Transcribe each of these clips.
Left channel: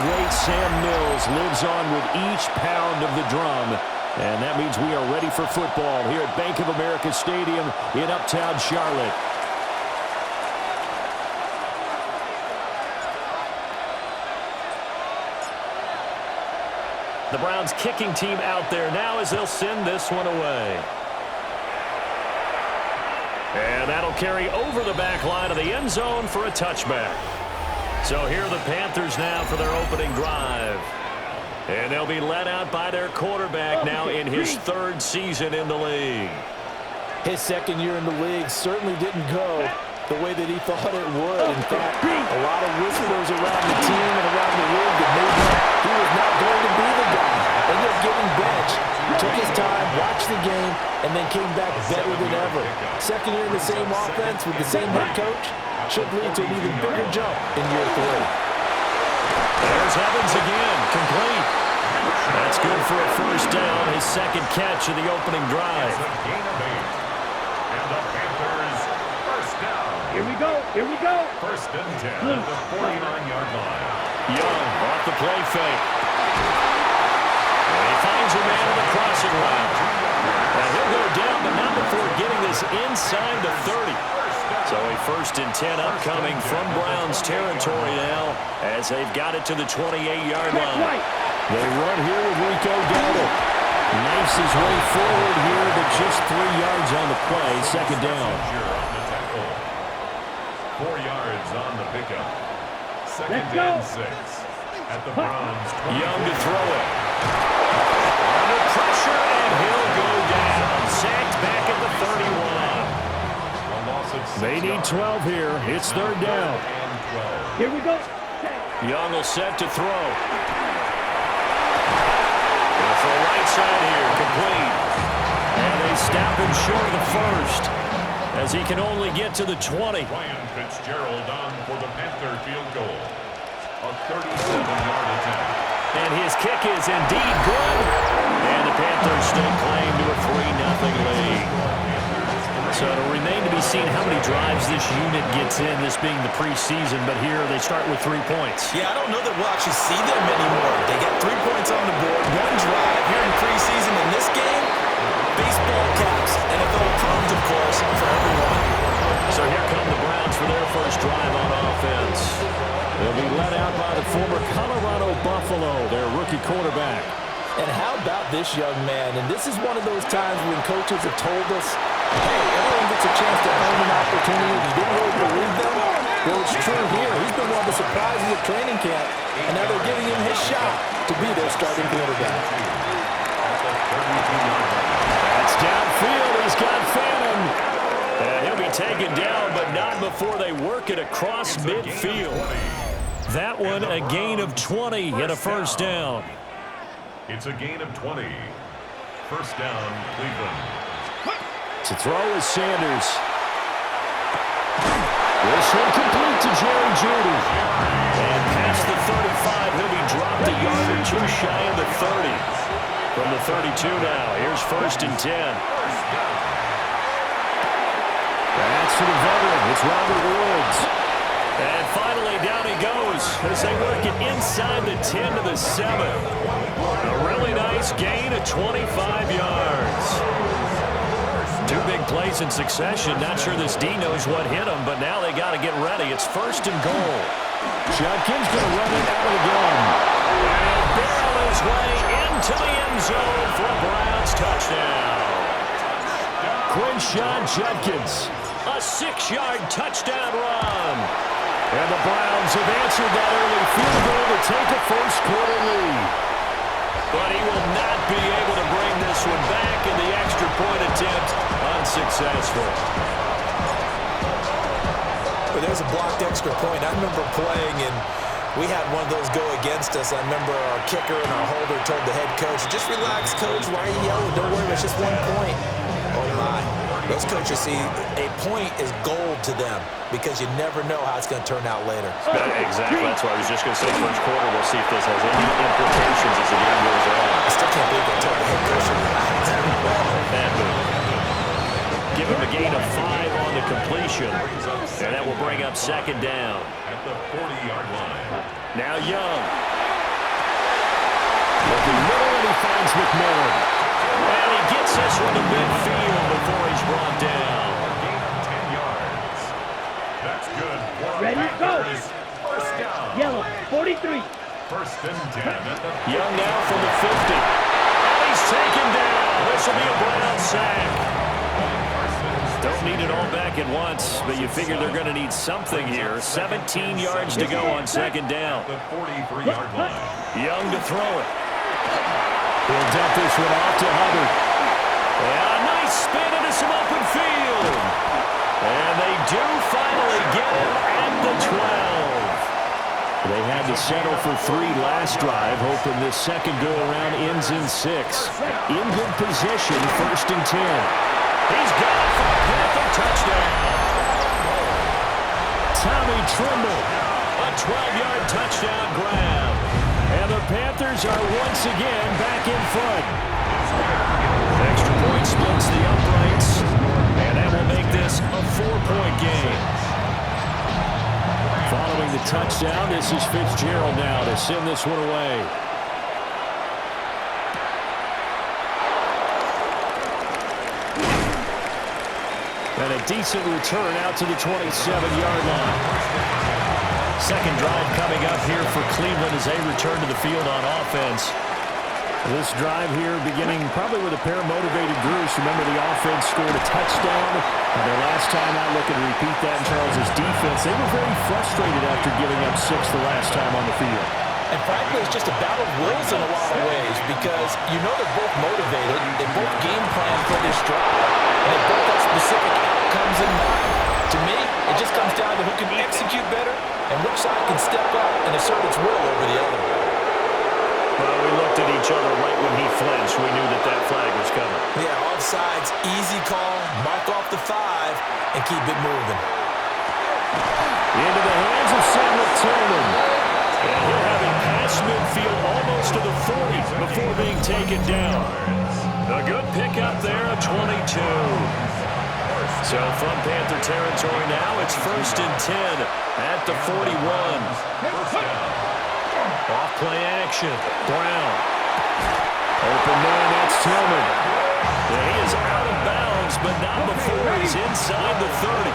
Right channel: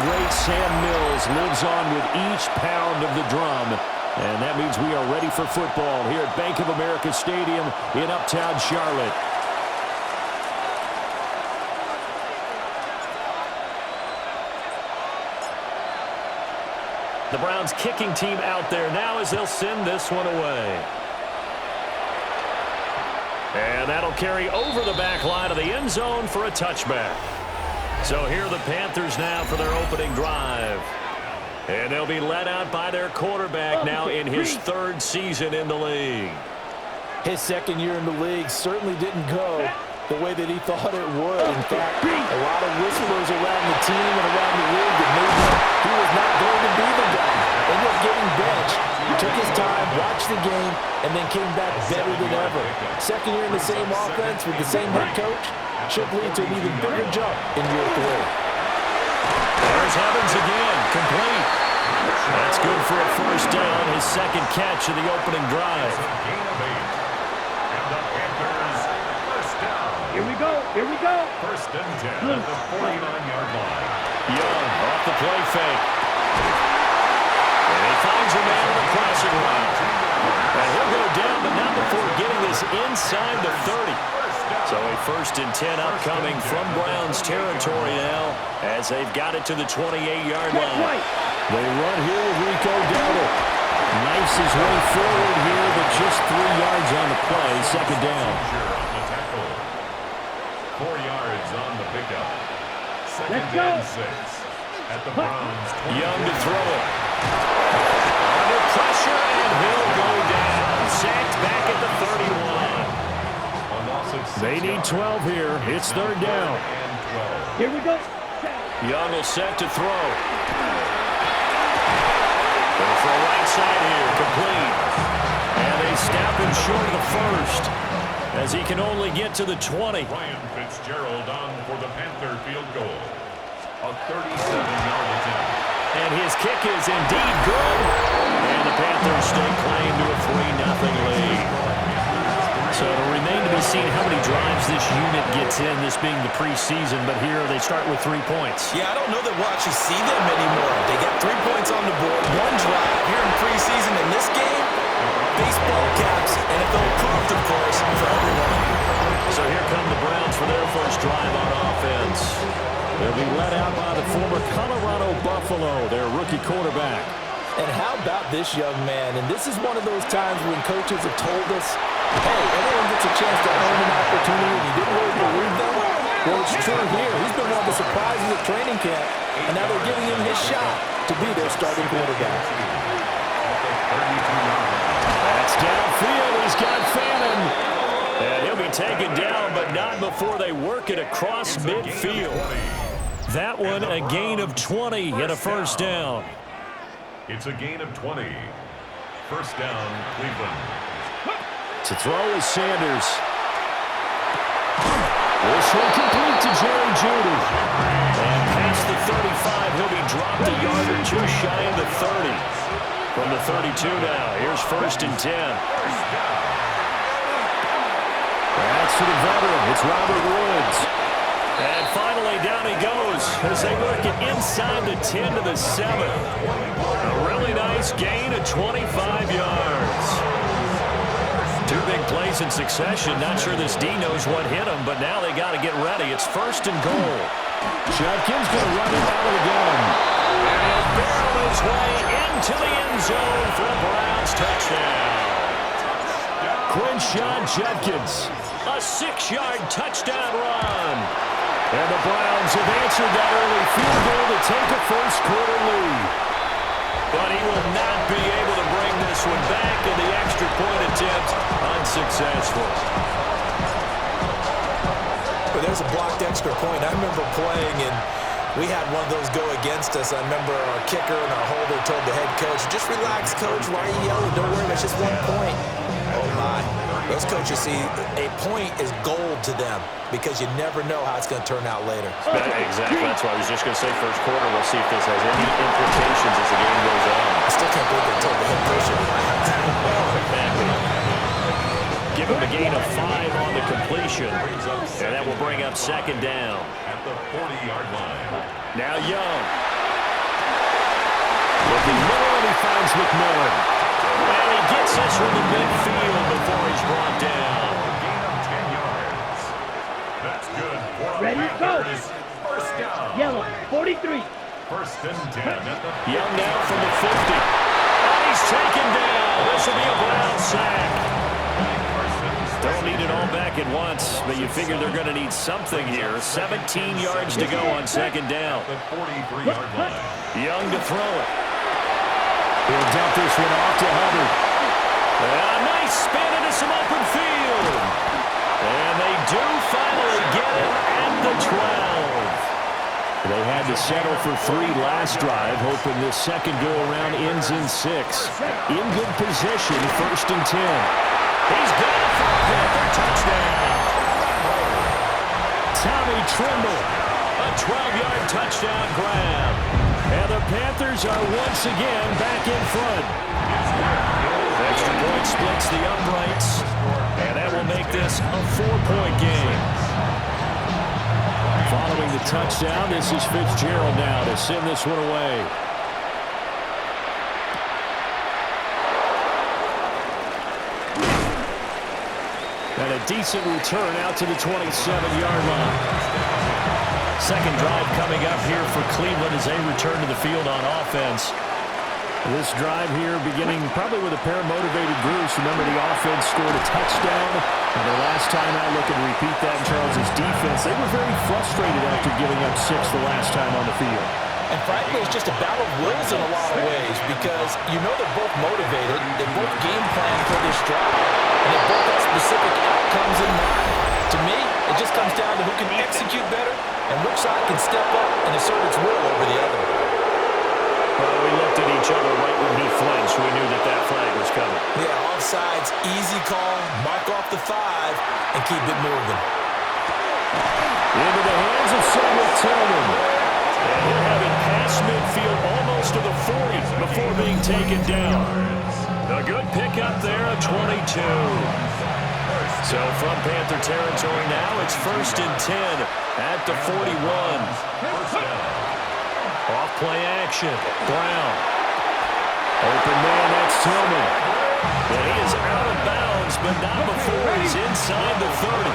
great Sam Mills lives on with each pound of the drum. And that means we are ready for football here at Bank of America Stadium in Uptown Charlotte. The Browns kicking team out there now as they'll send this one away. And that'll carry over the back line of the end zone for a touchback. So here are the Panthers now for their opening drive. And they'll be led out by their quarterback now in his third season in the league. His second year in the league certainly didn't go the way that he thought it would. In fact, a lot of whispers around the team and around the league that maybe he was not going to be the guy. Ended up getting benched, took his time, watched the game, and then came back better than ever. Second year in the same offense with the same head coach should lead to an even bigger jump in year 3. There's Evans again, complete. That's good for a first down, his second catch of the opening drive. And the Panthers, first down. Here we go, here we go. First and 10 at the 49-yard line. Young off the play fake. And he finds a man on the crossing route. And he'll go down, but not before getting this inside the 30. So a first and 10 upcoming from Browns territory now as they've got it to the 28-yard line. They run here with Rico Dowdle. Knifes his way forward here, but just 3 yards on the play. Second down. On the tackle. 4 yards on the pickup. Second and 6 at the Browns. Young to throw it. Under pressure, and he'll go down. Sacked back at the 31. They need 12 here. It's third down. Here we go. Young will set to throw. Going for a right side here, complete. And they stop him short of the first as he can only get to the 20. Ryan Fitzgerald on for the Panther field goal. A 37-yard attempt. And his kick is indeed good. And the Panthers stake claim to a 3-0 lead. So it'll remain to be seen how many drives this unit gets in, this being the preseason. But here they start with 3 points. Yeah, I don't know that we'll actually see them anymore. They got 3 points on the board, 1 drive here in preseason. In this game, baseball caps, NFL approved, of course, for everyone. So here come the Browns for their first drive on offense. They'll be led out by the former Colorado Buffalo, their rookie quarterback. And how about this young man? And this is one of those times when coaches have told us, hey, everyone gets a chance to earn an opportunity, and you didn't really believe them. Well, it's true here. He's been one of the surprises at training camp, and now they're giving him his shot to be their starting quarterback. That's downfield. He's got Fannin. And he'll be taken down, but not before they work it across midfield. That one, a gain of 20 and a first down. It's a gain of 20. First down, Cleveland. To throw is Sanders. This one complete to Jerry Jeudy. And past the 35, he'll be dropped a yard or 2 shy of the 30. From the 32 now, here's first and 10. That's to the veteran. It's Robert Woods. And finally, down he goes as they work it inside the 10 to the 7. A really nice gain of 25 yards. 2 big plays in succession. Not sure this D knows what hit him, but now they got to get ready. It's first and goal. Judkins going to run it out of the gun. And he'll barrel his way into the end zone for a Browns touchdown. Quinshon Judkins, a 6-yard touchdown run. And the Browns have answered that early field goal to take a first-quarter lead. But he will not be able to bring this one back, and the extra point attempt unsuccessful. But there's a blocked extra point. I remember playing, and we had one of those go against us. I remember our kicker and our holder told the head coach, just relax, coach. Why are you yelling? Don't worry, it's just 1 point. Oh, my. Those coaches see a point is gold to them because you never know how it's going to turn out later. Exactly. That's why I was just going to say first quarter. We'll see if this has any implications as the game goes on. I still can't believe they told the head coach to relax. Bad move. Give him a gain of 5 on the completion, and that will bring up second down. At the 40-yard line. Now Young. Looking middle, and he finds McMillan. And he gets this one to midfield before he's brought down. Gain of 10 yards. That's good. Ready, go. First down. Yellow, 43. First and 10 at the Young now from the 50. And he's taken down. This will be a Brown sack. Don't need it all back at once, but you figure they're going to need something here. 17 yards to go on second down. the 43-yard line. Young to throw it. He'll dump this one off to Hubbard. A nice spin into some open field. And they do finally get him at the 12. They had to settle for 3 last drive, hoping this second go-around ends in 6. In good position, first and 10. He's got it for a Panther touchdown. Tommy Tremble, a 12-yard touchdown grab. And the Panthers are once again back in front. Extra point splits the uprights, and that will make this a 4-point game. Following the touchdown, this is Fitzgerald now to send this one away. And a decent return out to the 27-yard line. Second drive coming up here for Cleveland as they return to the field on offense. This drive here beginning probably with a pair of motivated groups. Remember, the offense scored a touchdown. Their last time out, looking to repeat that in Charles's defense. They were very frustrated after giving up 6 the last time on the field. And frankly, it's just a battle of wills in a lot of ways because you know they're both motivated. They both game plan for this drive, and they both have specific outcomes in mind. To me, it just comes down to who can execute better and which side can step up and assert its will over the other. Well, we looked at each other right when he flinched. We knew that that flag was coming. Yeah, offsides, easy call, mark off the 5, and keep it moving. Into the hands of Samuel Tillman. And he'll have it past midfield almost to the 40 before being taken down. A good pickup there, a 22. So from Panther territory now, it's first and 10 at the 41. Off play action. Brown. Open man, that's Tillman. And he is out of bounds, but not before he's inside the 30.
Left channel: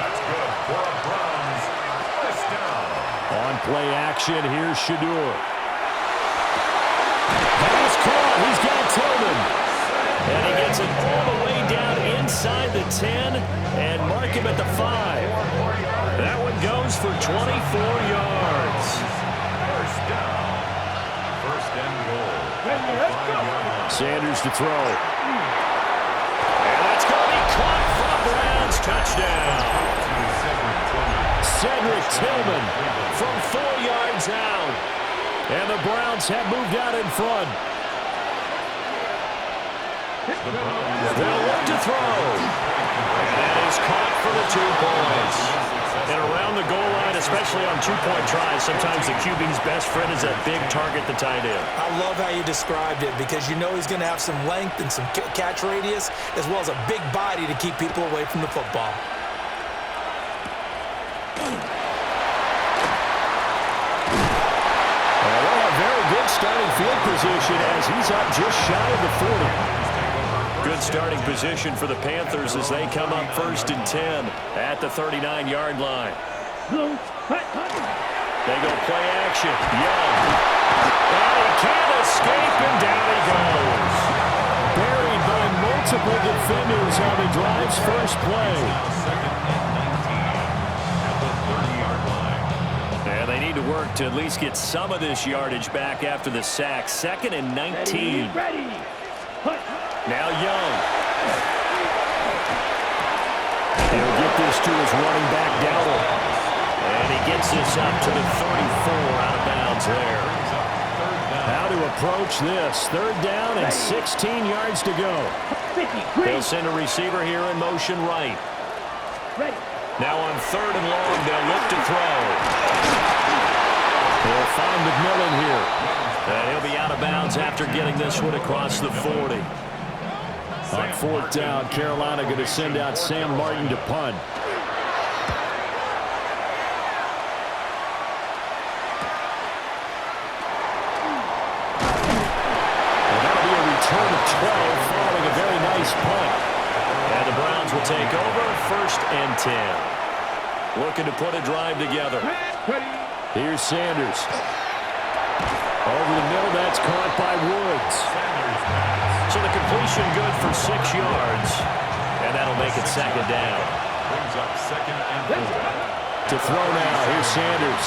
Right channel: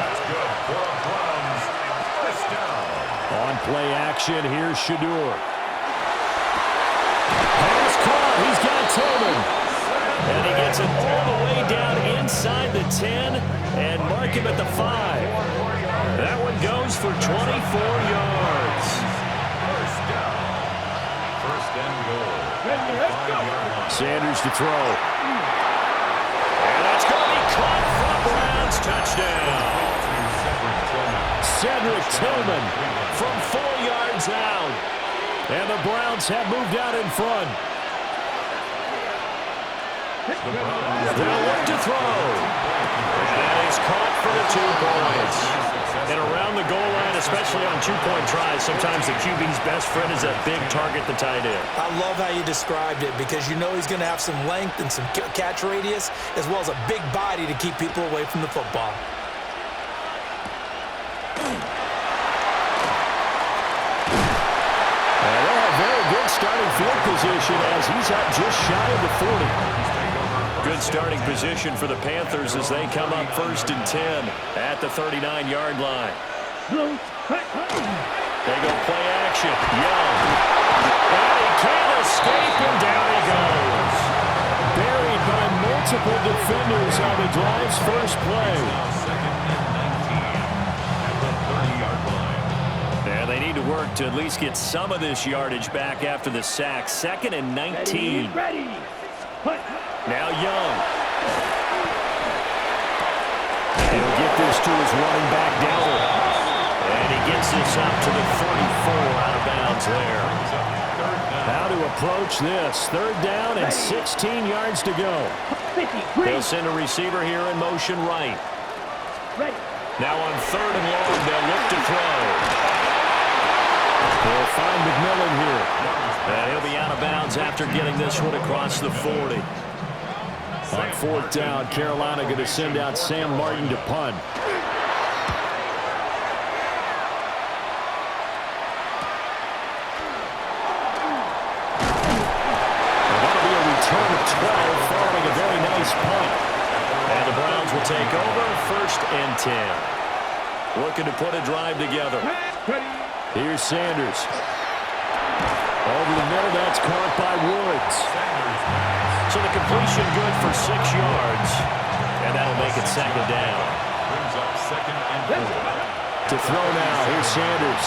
That's good for a Browns first down. On play action, here's Shador. Pass caught, he's got Tillman. And he gets it all the way down inside the 10 and mark him at the 5. That one goes for 24 yards. First down. First and goal. Sanders to throw. And that's going to be caught for a Browns touchdown. Cedric Tillman from 4 yards out. And the Browns have moved out in front. They'll look to throw. And that is caught for the 2 points. And around the goal line, especially on 2-point tries, sometimes the QB's best friend is that big target, the tight end. I love how you described it because you know he's going to have some length and some catch radius as well as a big body to keep people away from the football. They'll have very good starting field position as he's up just shy of the 40. Good starting position for the Panthers as they come up first and 10 at the 39-yard line. They go play action. Young. And he can't escape, and down he goes. Buried by multiple defenders on the drive's first play. Second and 19 at the 30-yard line. And they need to work to at least get some of this yardage back after the sack. Second and 19. Ready. Now Young. He'll get this to his running back, Dowdle. And he gets this up to the 34 out of bounds there. How to approach this. Third down and 16 yards to go. They'll send a receiver here in motion right. Ready. Now on third and long, they'll look to throw. They'll find McMillan here. And he'll be out of bounds after getting this one across the 40. On fourth down, Carolina going to send out Sam Martin to punt. return of 12 following a very nice punt. And the Browns will take over 1st and 10. Looking to put a drive together. Here's Sanders. Over the middle, that's caught by Woods. So the completion good for 6 yards. And that'll make it 2nd down. Brings up 2nd and 4. To throw now, here's Sanders.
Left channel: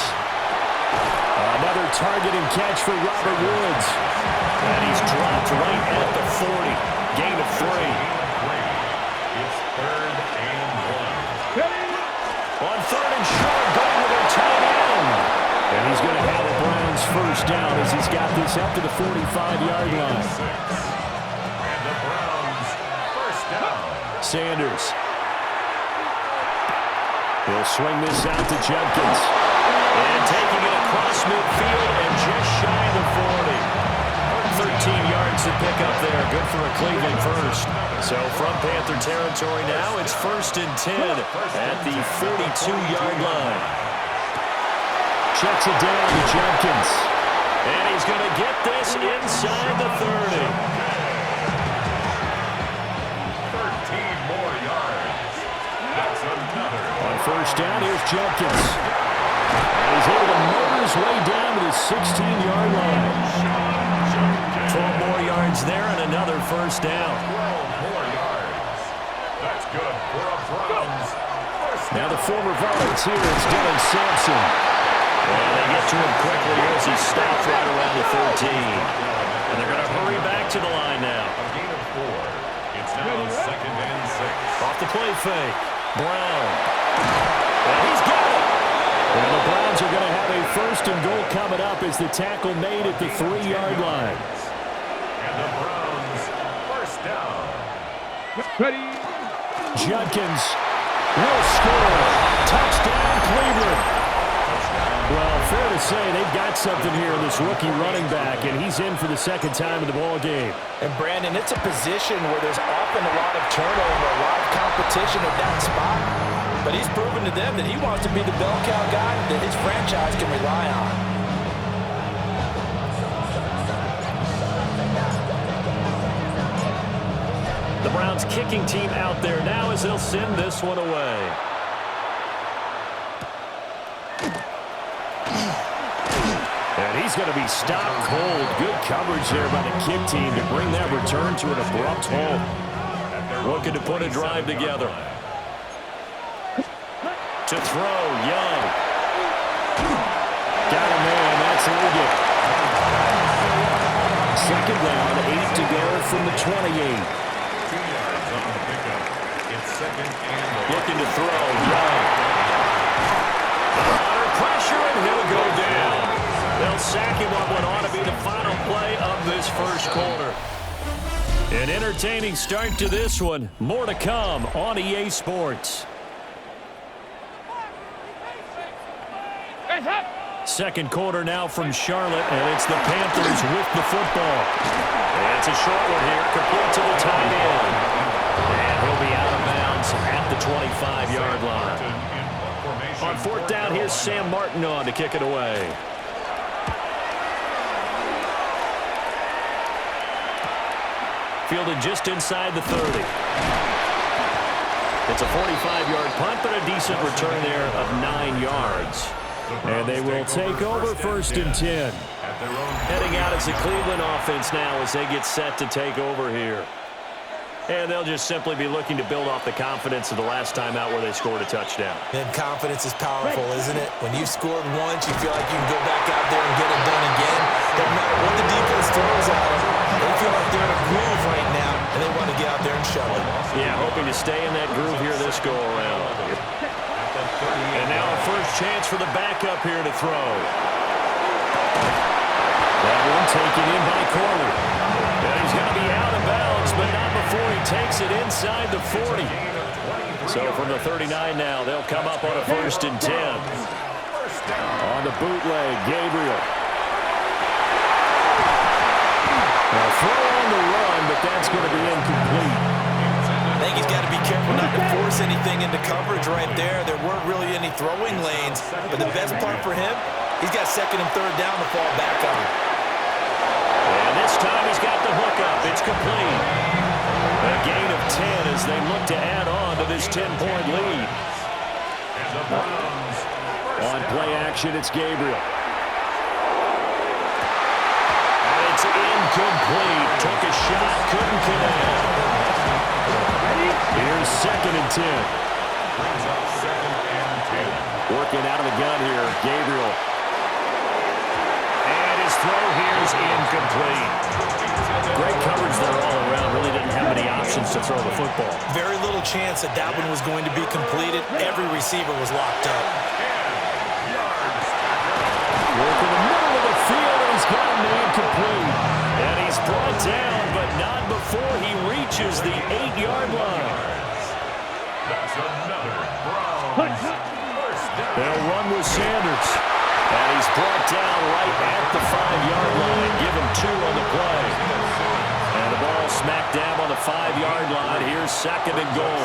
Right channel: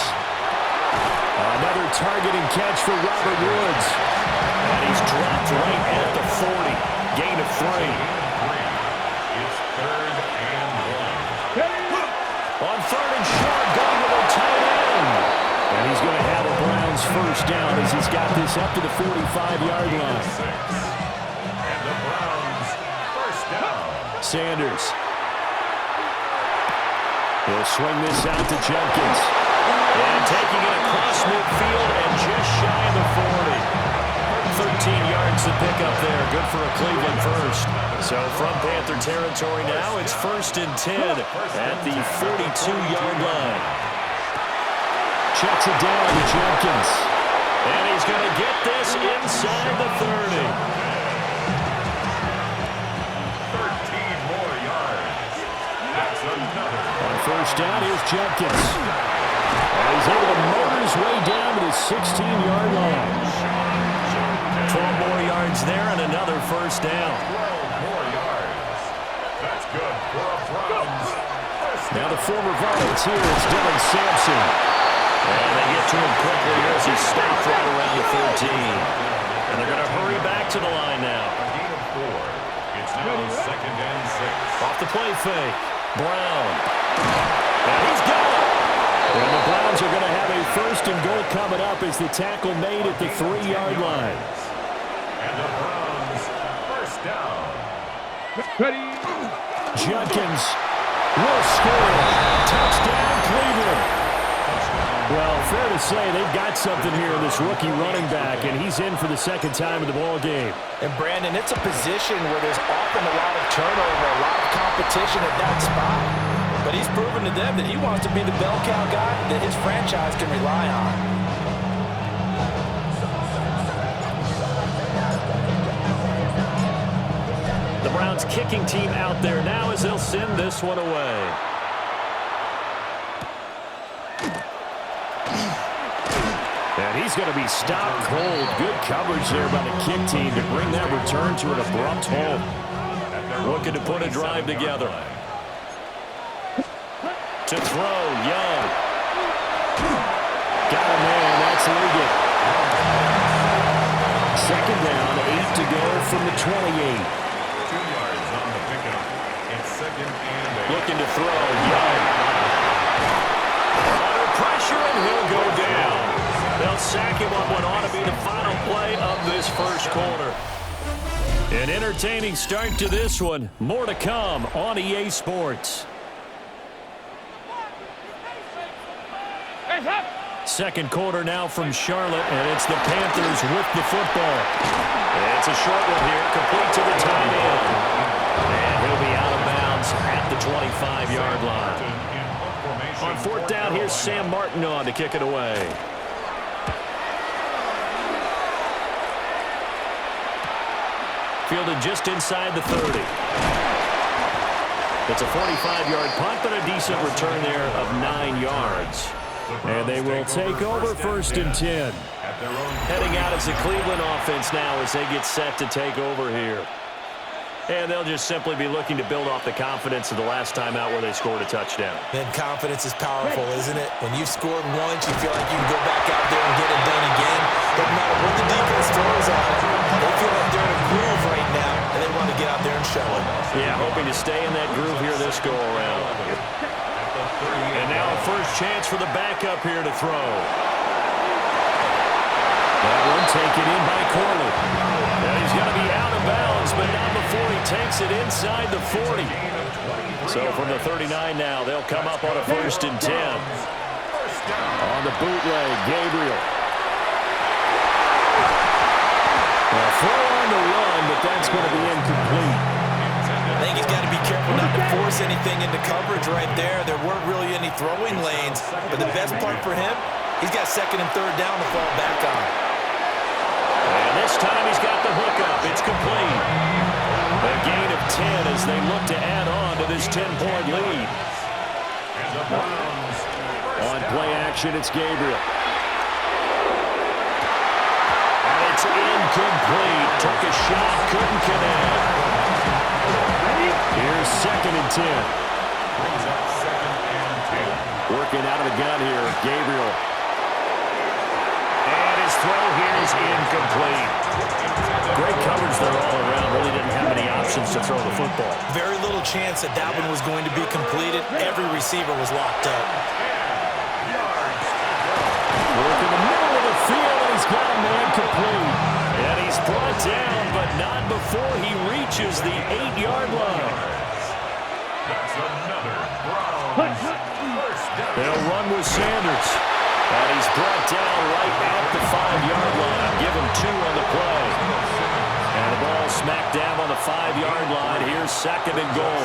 Another targeting catch for Robert Woods. And he's dropped right at the 40. Gain of 3. It's 3rd and 1. On 3rd and short, going with their tight end. And he's going to have a Browns 1st down as he's got this up to the 45-yard line. And the Browns 1st down. Sanders. He'll swing this out to Judkins. And taking it across midfield and just shy of the 40. 13 yards to pick up there. Good for a Cleveland 1st. So from Panther territory now, it's 1st and 10 at the 42-yard line. Checks it down to Judkins. And he's going to get this inside the 30. 13 more yards. That's another. On 1st down, here's Judkins. And he's able to motor his way down to the 16-yard line. 12 more yards there and another 1st down. 12 more yards. That's good for a Browns 1st down. Now the former volunteer is Dylan Sampson. And they get to him quickly here as he stopped right around the 13. And they're going to hurry back to the line now. A gain of 4. It's now 2nd and 6. Off the play fake. Brown. And he's got it. And the Browns are going to have a 1st and goal coming up as the tackle made at the 3-yard line. And the Browns 1st down. Judkins will score. Touchdown, Cleveland. Well, fair to say they've got something here in this rookie running back, and he's in for the 2nd time in the ball game. And, Brandon, it's a position where there's often a lot of turnover, a lot of competition at that spot. But he's proven to them that he wants to be the bell cow guy that his franchise can rely on. The Browns kicking team out there now as they'll send this one away. And he's going to be stopped cold. Good coverage there by the kick team to bring that return to an abrupt halt. Looking to put a drive together. To throw, Young. Got a man, that's Liggett. 2nd down, 8 to go from the 28. 2 yards on the pickup. It's 2nd and 8. Looking to throw, Young. Under pressure, and he'll go down. They'll sack him on what ought to be the final play of this 1st quarter. An entertaining start to this one. More to come on EA Sports. 2nd quarter now from Charlotte, and it's the Panthers with the football. And it's a short one here, complete to the tight end. And he'll be out of bounds at the 25-yard line. On 4th down, here's Sam Martin on to kick it away. Fielded just inside the 30. It's a 45-yard punt, but a decent return there of 9 yards. And they will take over 1st and 10. Heading out as the Cleveland offense now as they get set to take over here. And they'll just simply be looking to build off the confidence of the last time out where they scored a touchdown. And confidence is powerful, isn't it? When you've scored once, you feel like you can go back out there and get it done again. Doesn't matter what the defense throws at them. They feel like they're in a groove right now, and they want to get out there and show it. Yeah, hoping to stay in that groove here this go-around. And now a 1st chance for the backup here to throw. That one taken in by Corley. And he's going to be out of bounds, but not before he takes it inside the 40. So from the 39 now, they'll come up on a 1st and 10. On the bootleg, Gabriel. A throw on the run, but that's going to be incomplete. I think he's got to be careful not to force anything into coverage right there. There weren't really any throwing lanes, but the best part for him, he's got 2nd and 3rd down to fall back on. And And this time he's got the hook up. It's complete. A gain of 10 as they look to add on to this 10-point lead. And the Browns On play action, it's Gabriel. And it's incomplete. Took a shot, couldn't connect. Here's 2nd and 10. brings up 2nd and 10. Working out of the gun here, Gabriel. And his throw here is incomplete. Great coverage there all around. Really didn't have any options to throw the football. Very little chance that that one was going to be completed. Every receiver was locked up. 10 yards. Work in the middle of the field, and he's got a man complete. And he's brought down, but not before he reaches the 8-yard line. That's another Browns first down. They'll run with Sanders. And he's brought down right at the 5-yard line. Give him 2 on the play. And the ball smack dab on the 5-yard line. Here's 2nd and goal.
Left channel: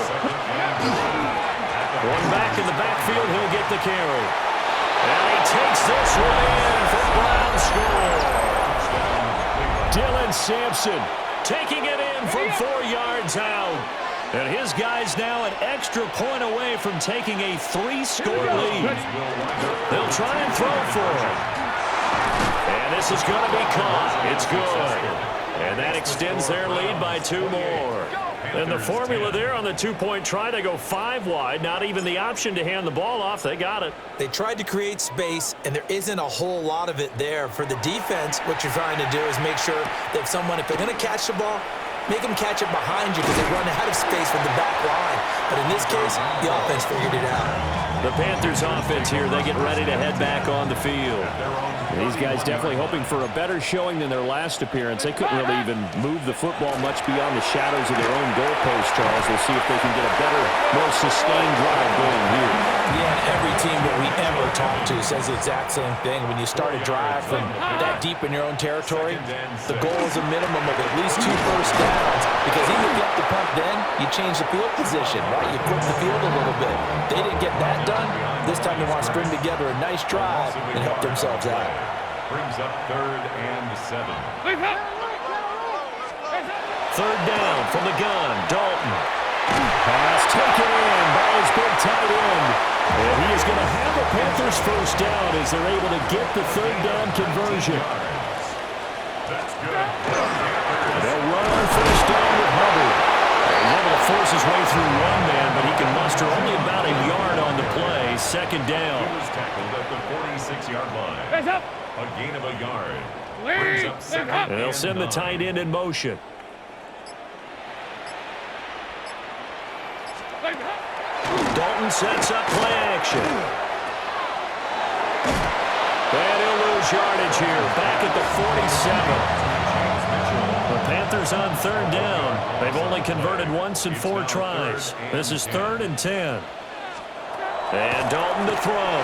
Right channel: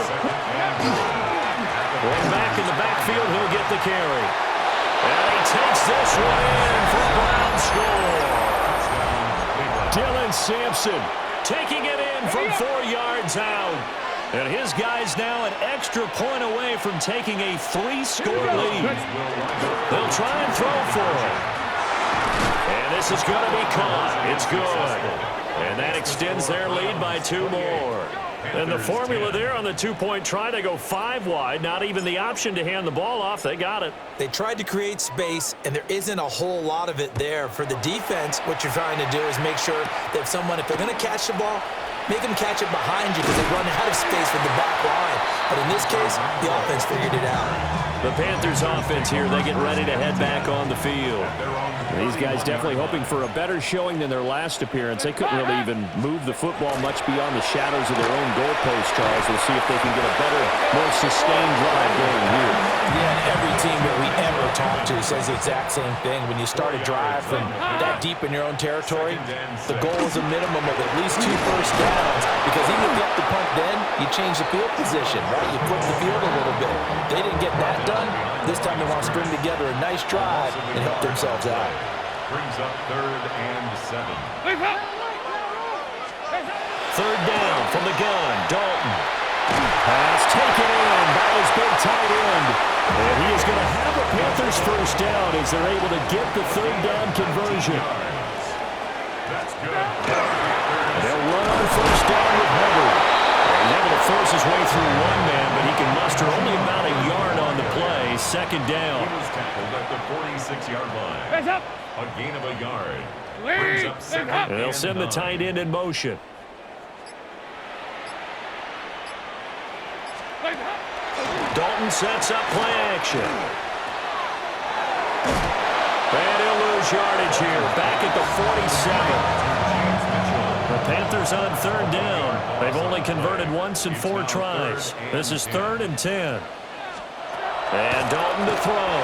Going back in the backfield, he'll get the carry. And he takes this one in for a Brown score. Dylan Sampson taking it in from 4 yards out. And his guy's now an extra point away from taking a 3-score lead. They'll try and throw for him. And this is going to be caught. It's good. And that extends their lead by 2 more. And the formula there on the 2-point try to go 5 wide. Not even the option to hand the ball off. They got it. They tried to create space, and there isn't a whole lot of it there. For the defense, what you're trying to do is make sure that if they're going to catch the ball, make them catch it behind you because they run out of space with the back line. But in this case, the offense figured it out. The Panthers offense here, they get ready to head back on the field. These guys definitely hoping for a better showing than their last appearance. They couldn't really even move the football much beyond the shadows of their own goalpost, Charles. We'll see if they can get a better, more sustained drive going here. Yeah, and every team that we ever talk to says the exact same thing. When you start a drive from that deep in your own territory, the goal is a minimum of at least 2 first downs, because even if you have to punt then, you change the field position, right? You flip the field a little bit. They didn't get that done. This time they want to string together a nice drive and help themselves out. Brings up 3rd and 7. 3rd down from the gun, Dalton. Pass taken in by his big tight end. And he is going to have a Panthers first down as they're able to get the 3rd down conversion. That's good. They'll run on first down with Hubbard. He's able to force his way through 1 man, but he can muster only about a yard on the play. 2nd down. He was tackled at the 46-yard line. A gain of a yard. Brings up 2nd And they'll send the tight end in motion. Dalton sets up play action. And he'll lose yardage here. Back at the 47. The Panthers on 3rd down. They've only converted once in 4 tries. This is 3rd and 10. And Dalton to throw.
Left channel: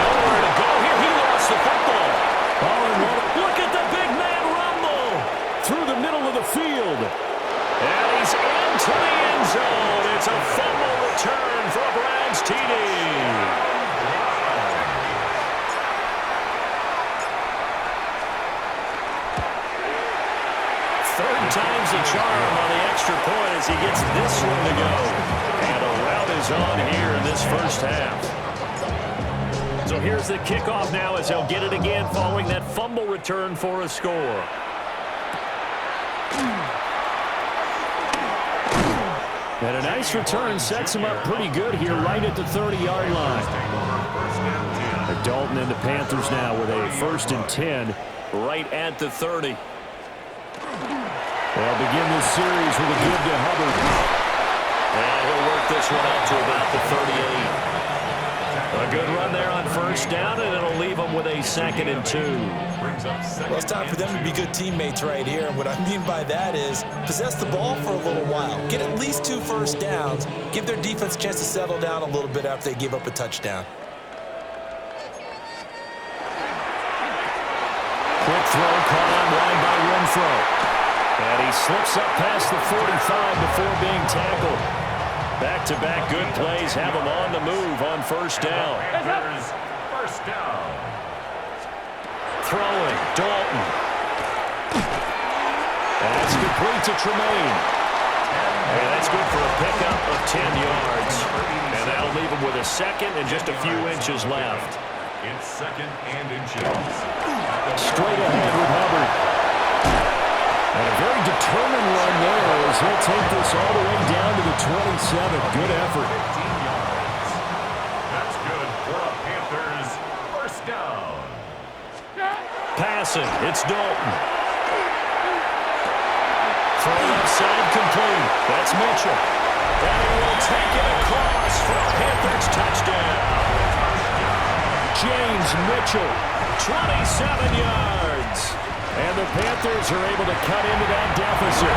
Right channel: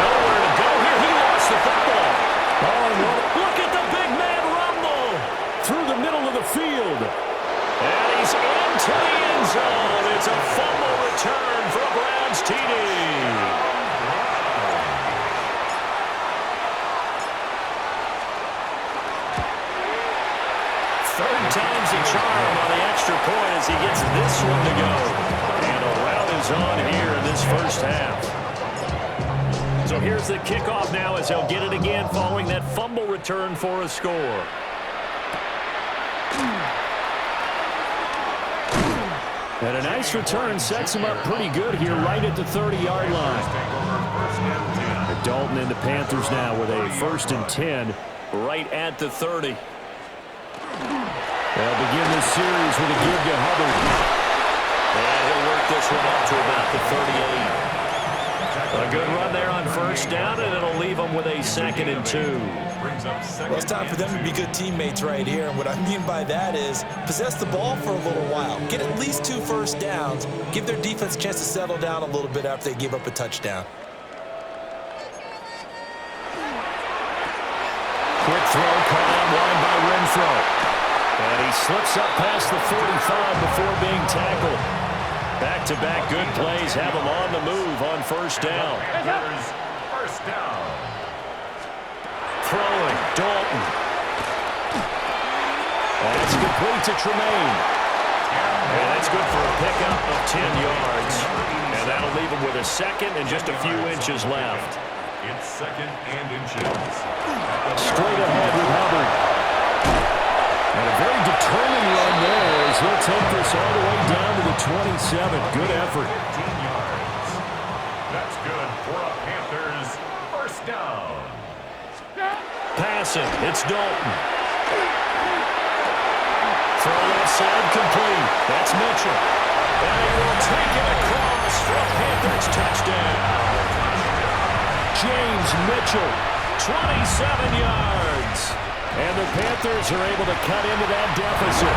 Nowhere to go here. He lost the football. Oh, and look at the big man rumble through the middle of the field. And he's into the end zone. It's a fumble return for a Browns TD. Third time's a charm on the extra point as he gets this one to go. And a rout is on here in this first half. So here's the kickoff now as they'll get it again following that fumble return for a score. And a nice return sets him up pretty good here right at the 30-yard line. Dalton and the Panthers now with a 1st and 10 right at the 30. They'll begin this series with a give to Hubbard. And he'll work this one out to about the 38. A good run there on first down, and it'll leave them with a 2nd and 2. Well, it's time for them to be good teammates right here. And what I mean by that is possess the ball for a little while. Get at least 2 first downs. Give their defense a chance to settle down a little bit after they give up a touchdown. Quick throw caught on line by Renfro. And he slips up past the 45 before being tackled. Back-to-back good plays have him on the move on first down. First down. Throwing, Dalton. That's complete to Tremaine. And that's good for a pickup of 10 yards. And that'll leave him with a second and just a few inches left. It's second and inches. Straight ahead with Hubbard. And a very determined run there as he'll take this all the way down to the 27. Good effort. 15 yards. That's good for a Panthers first down. Passing. It's Dalton. Throw left side complete. That's Mitchell. And he will take it across for a Panthers touchdown. James Mitchell, 27 yards. And the Panthers are able to cut into that deficit.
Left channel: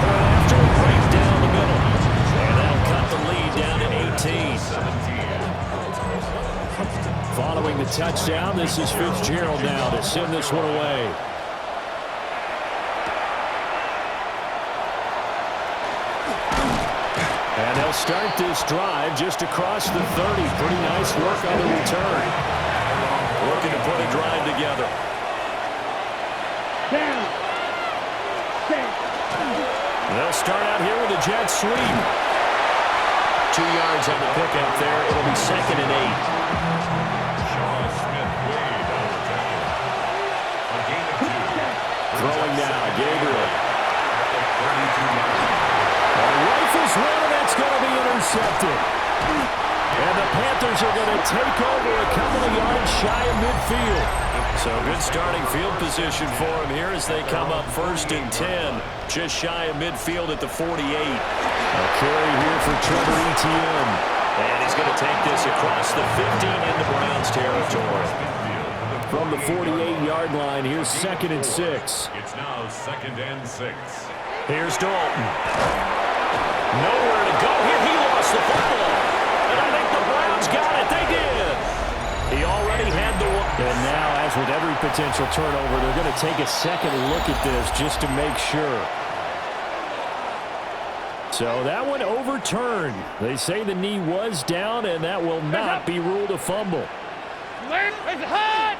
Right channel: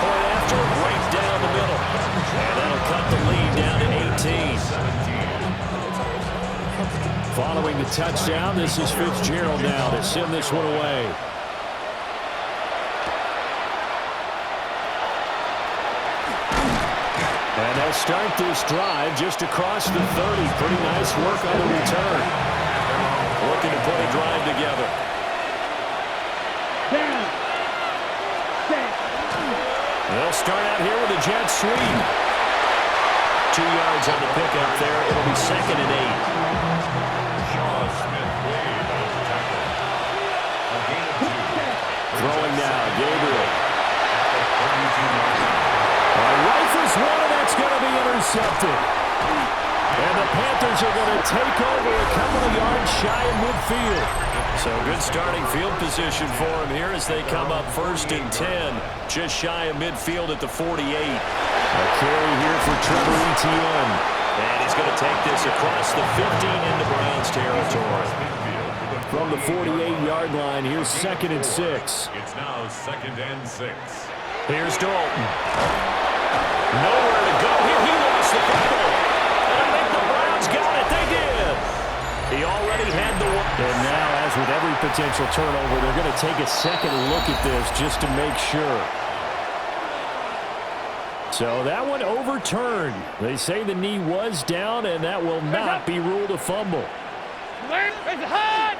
Point after, right down the middle. And that'll cut the lead down to 18. Following the touchdown, this is Fitzgerald now to send this one away. And they'll start this drive just across the 30. Pretty nice work on the return. Looking to put a drive together. Down. Set. They'll start out here with a jet sweep. 2 yards on the pickup there. It'll be second and 8. Shaw Smith way down the tackle. A gain of 2. Throwing now, Gabriel. At the 32-yard line. Rifles one, and that's going to be intercepted. And the Panthers are going to take over a couple of yards shy of midfield. So good starting field position for them here as they come up first and 10. Just shy of midfield at the 48. A carry here for Trevor Etienne. And he's going to take this across the 50 into Browns territory. From the 48-yard line, here's second and 6. It's now second and 6. Here's Dalton. Nowhere to go here. He lost the football. And I think the Browns got it. They did. He already had the one. And now, as with every potential turnover, they're going to take a second look at this just to make sure. So that one overturned. They say the knee was down, and that will not be ruled a fumble. It's hot.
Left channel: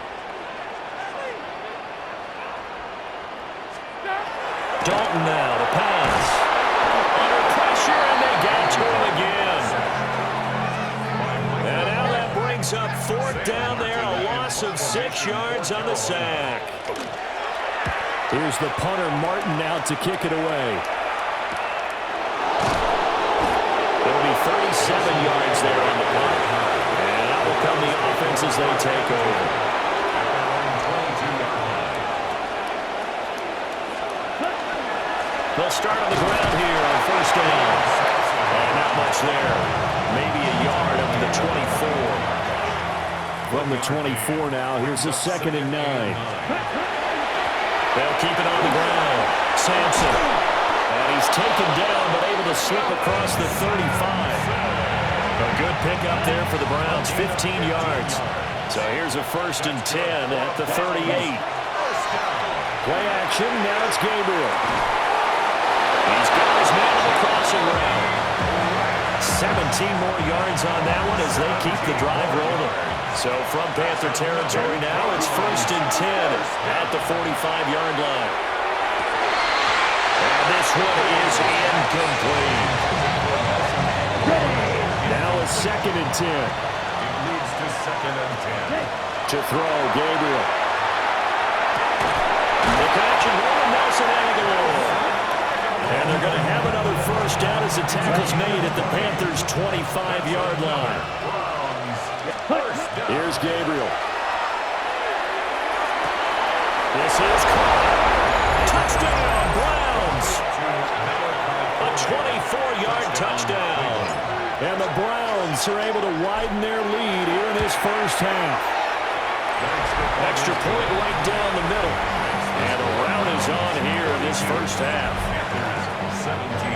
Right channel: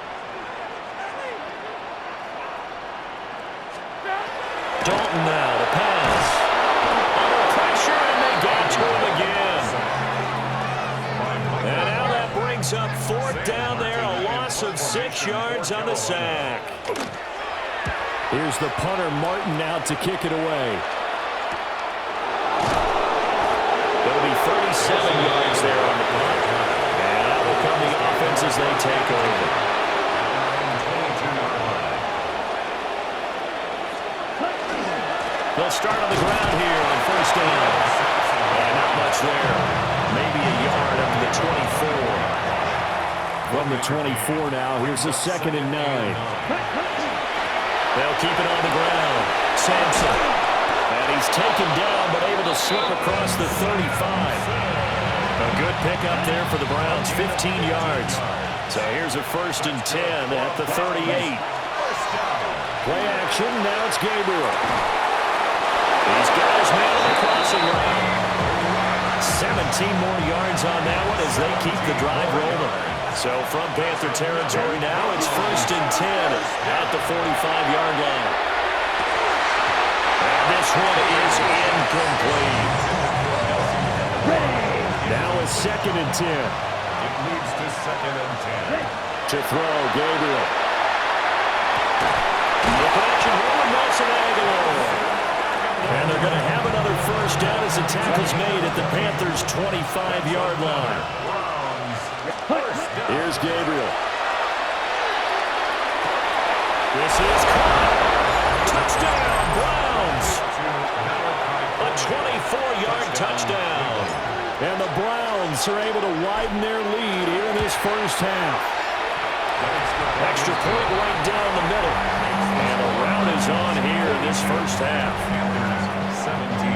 Dalton now to pass. Under pressure, and they got to him again. And now that brings up fourth down there. A loss of 6 yards on the sack. Here's the punter, Martin, out to kick it away. It'll be 37 yards there on the punt. And out will come the offense as they take over. At their own 22-yard line. They'll start on the ground here on first down. And not much there. Maybe a yard up to the 24. From the 24 now, here's the second and 9. They'll keep it on the ground. Sampson. And he's taken down, but able to slip across the 35. A good pickup there for the Browns, 15 yards. So here's a first and 10 at the 38. Play action, now it's Gabriel. He's got his man on the crossing route. 17 more yards on that one as they keep the drive rolling. So from Panther territory now, it's first and 10 at the 45-yard line. And this one is incomplete. Now it's second and 10. It leads to second and 10. To throw, Gabriel. The connection here with Nelson Aguilar. And they're going to have another first down as the tackle's made at the Panthers' 25-yard line. Here's Gabriel. This is caught. Touchdown, Browns. A 24-yard touchdown. And the Browns are able to widen their lead here in this first half. Extra point right down the middle. And a rout is on here in this first half. 17.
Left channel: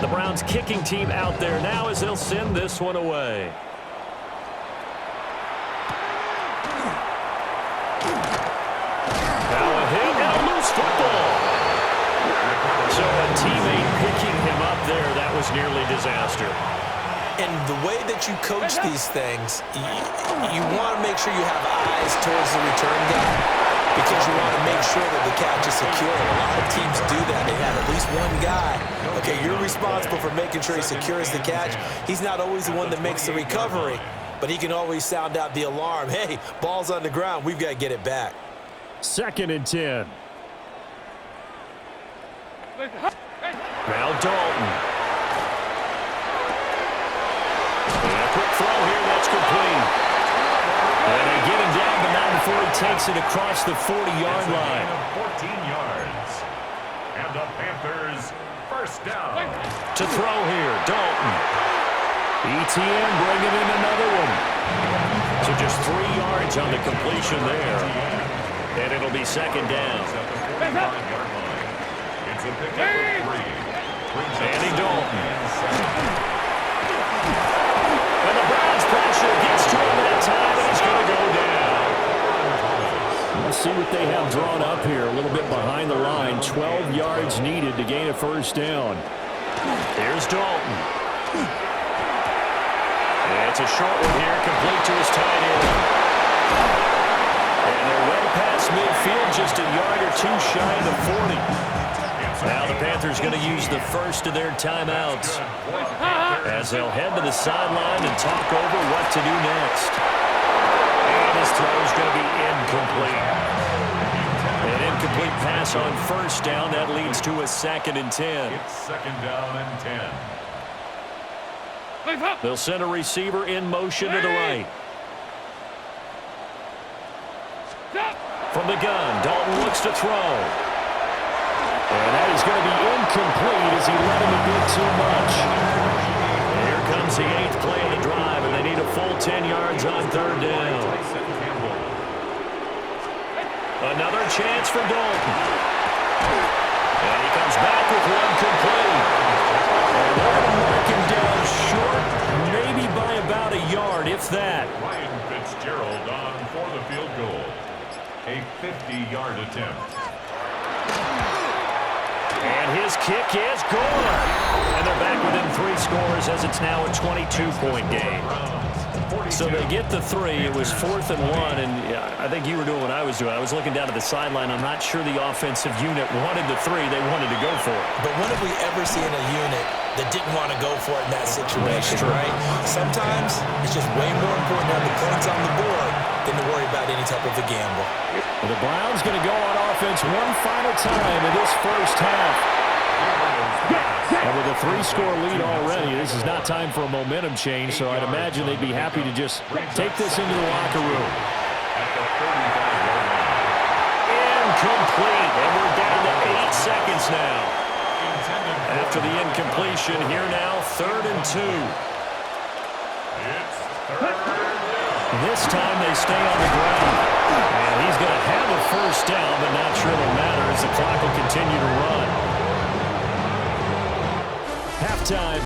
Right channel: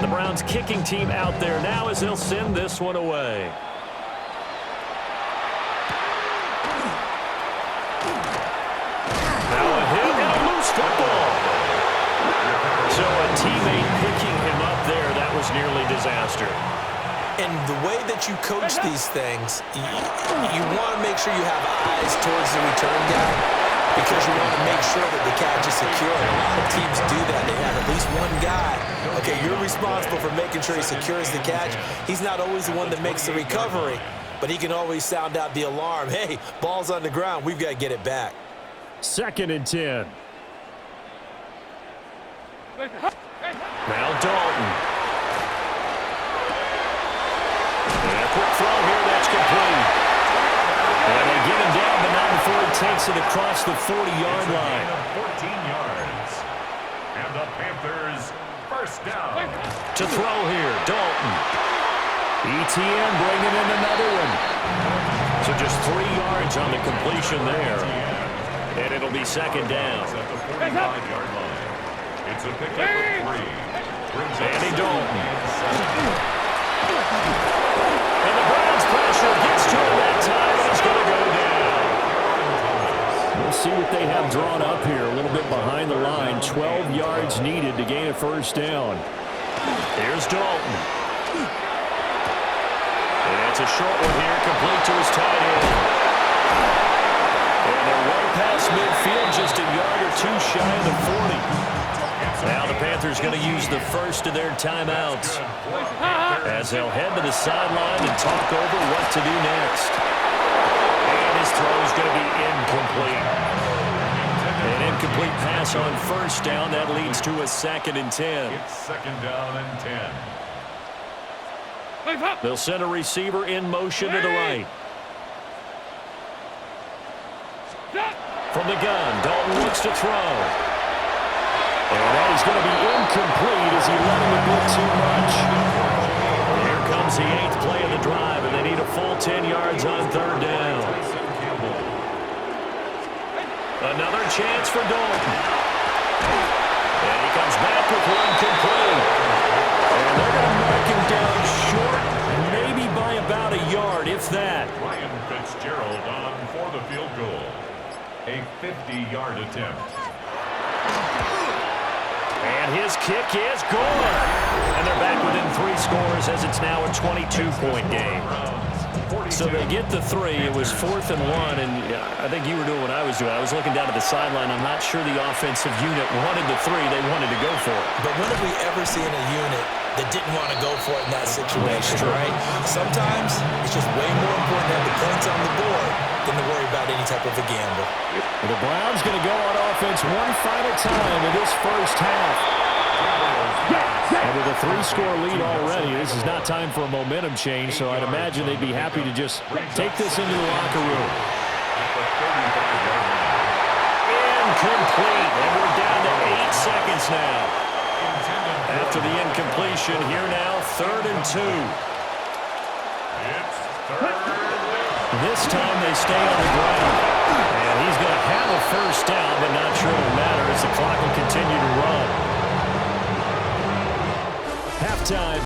The Browns kicking team out there now as they'll send this one away. Now a hit and a loose football. So a teammate picking him up there, that was nearly disaster. And the way that you coach these things, you want to make sure you have eyes towards the return guy because you want to make sure that the catch is secure. And a lot of teams do that. They have at least one guy. Okay, you're responsible for making sure he secures the catch. He's not always the one that makes the recovery, but he can always sound out the alarm. Hey, ball's on the ground. We've got to get it back. 2nd and 10. Now Dalton. And a quick throw here, that's complete. And they get him down, but not before he takes it across the 40-yard line. 14 yards. And the Panthers first down. To throw here, Dalton. ETN bringing in another one. So just 3 yards on the completion there. And it'll be 2nd down. At the 45-yard line. It's a pickup of 3. Andy Dalton. And the Browns pressure gets to him that time, and he's going to go down. We'll see what they have drawn up here. A little bit behind the line. 12 yards needed to gain a first down. Here's Dalton. It's a short one here, complete to his tight end. And they're well past midfield, just a yard or two shy of the 40. Now the Panthers going to use the first of their timeouts as they'll head to the sideline and talk over what to do next. And his throw is going to be incomplete. An incomplete pass on first down. That leads to a 2nd and 10. It's 2nd down and 10. They'll send a receiver in motion to the right. From the gun, Dalton looks to throw. And that is going to be incomplete as he let him a bit too much. Here comes the 8th play of the drive, and they need a full 10 yards on 3rd down. Another chance for Dalton. And he comes back with one complete. And they're going to mark him down short, maybe by about a yard, if that. Ryan Fitzgerald on for the field goal. A 50-yard attempt. And his kick is good. And they're back within 3 scores as it's now a 22-point game. So they get the 3. It was 4th and 1, and I think you were doing what I was doing. I was looking down at the sideline. I'm not sure the offensive unit wanted the 3. They wanted to go for it. But when have we ever seen a unit that didn't want to go for it in that situation, right? Sometimes it's just way more important to have the points on the board than to worry about any type of a gamble. The Browns going to go on offense one final time in this first half. And with a 3-score lead already, this is not time for a momentum change, so I'd imagine they'd be happy to just take this into the locker room. At the 35-yard line. Incomplete, and we're down to 8 seconds now. After the incompletion, here now, 3rd and 2. It's 3rd down. This time they stay on the ground. And he's going to have a first down, but not sure it'll matter as the clock will continue to run. Halftime,